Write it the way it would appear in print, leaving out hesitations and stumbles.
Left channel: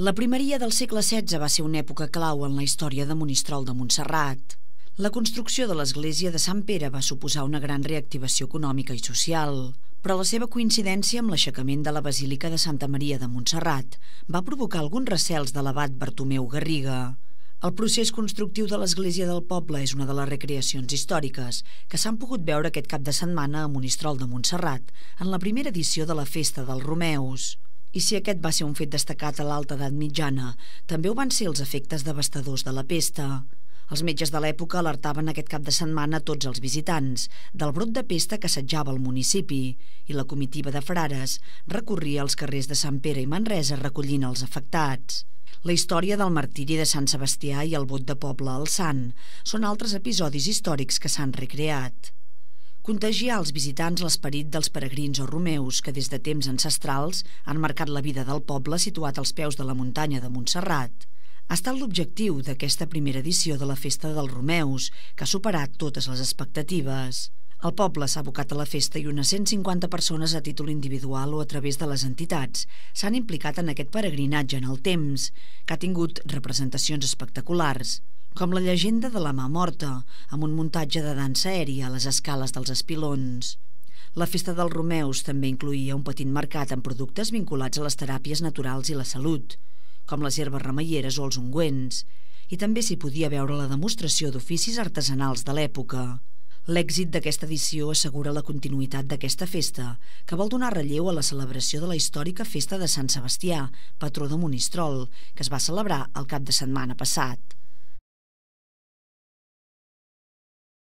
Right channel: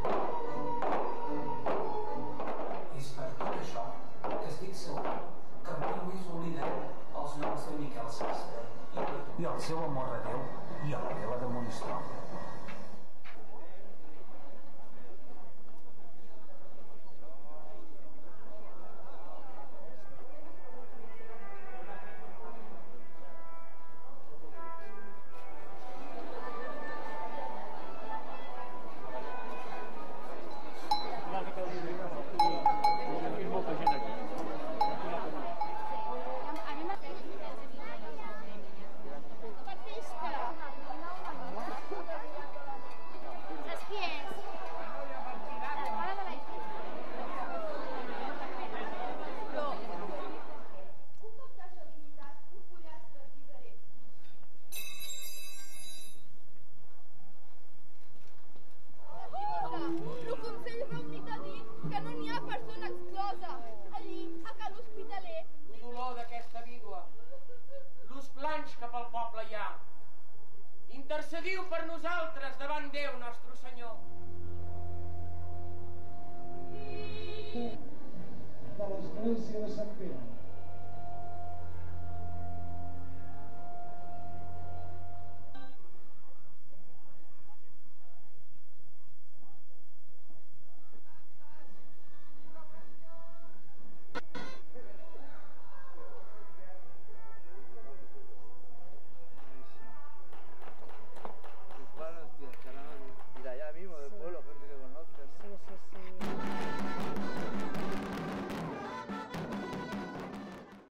La primeria del segle XVI va ser una època clau en la història de Monistrol de Montserrat. La construcció de l'església de Sant Pere va suposar una gran reactivació econòmica i social, però la seva coincidència amb l'aixecament de la Basílica de Santa Maria de Montserrat va provocar alguns recels de l'abat Bartomeu Garriga. El procés constructiu de l'església del poble és una de les recreacions històriques que s'han pogut veure aquest cap de setmana a Monistrol de Montserrat en la primera edició de la Festa dels Romeus. I si aquest va ser un fet destacat a l'alta edat mitjana, també ho van ser els efectes devastadors de la pesta. Els metges de l'època alertaven aquest cap de setmana a tots els visitants del brot de pesta que assetjava el municipi i la comitiva de frares recorria als carrers de Sant Pere i Manresa recollint els afectats. La història del martiri de Sant Sebastià i el vot de poble al Sant són altres episodis històrics que s'han recreat. Contagiar als visitants l'esperit dels peregrins o romeus que des de temps ancestrals han marcat la vida del poble situat als peus de la muntanya de Montserrat ha estat l'objectiu d'aquesta primera edició de la Festa dels Romeus, que ha superat totes les expectatives. El poble s'ha abocat a la festa i unes 150 persones a títol individual o a través de les entitats s'han implicat en aquest peregrinatge en el temps, que ha tingut representacions espectaculars, com la llegenda de la mà morta, amb un muntatge de dansa aèria a les escales dels Espilons. La Festa dels Romeus també incloïa un petit mercat amb productes vinculats a les teràpies naturals i la salut, com les herbes remeieres o els ungüents, i també s'hi podia veure la demostració d'oficis artesanals de l'època. L'èxit d'aquesta edició assegura la continuïtat d'aquesta festa, que vol donar relleu a la celebració de la històrica Festa de Sant Sebastià, patró de Monistrol, que es va celebrar el cap de setmana passat.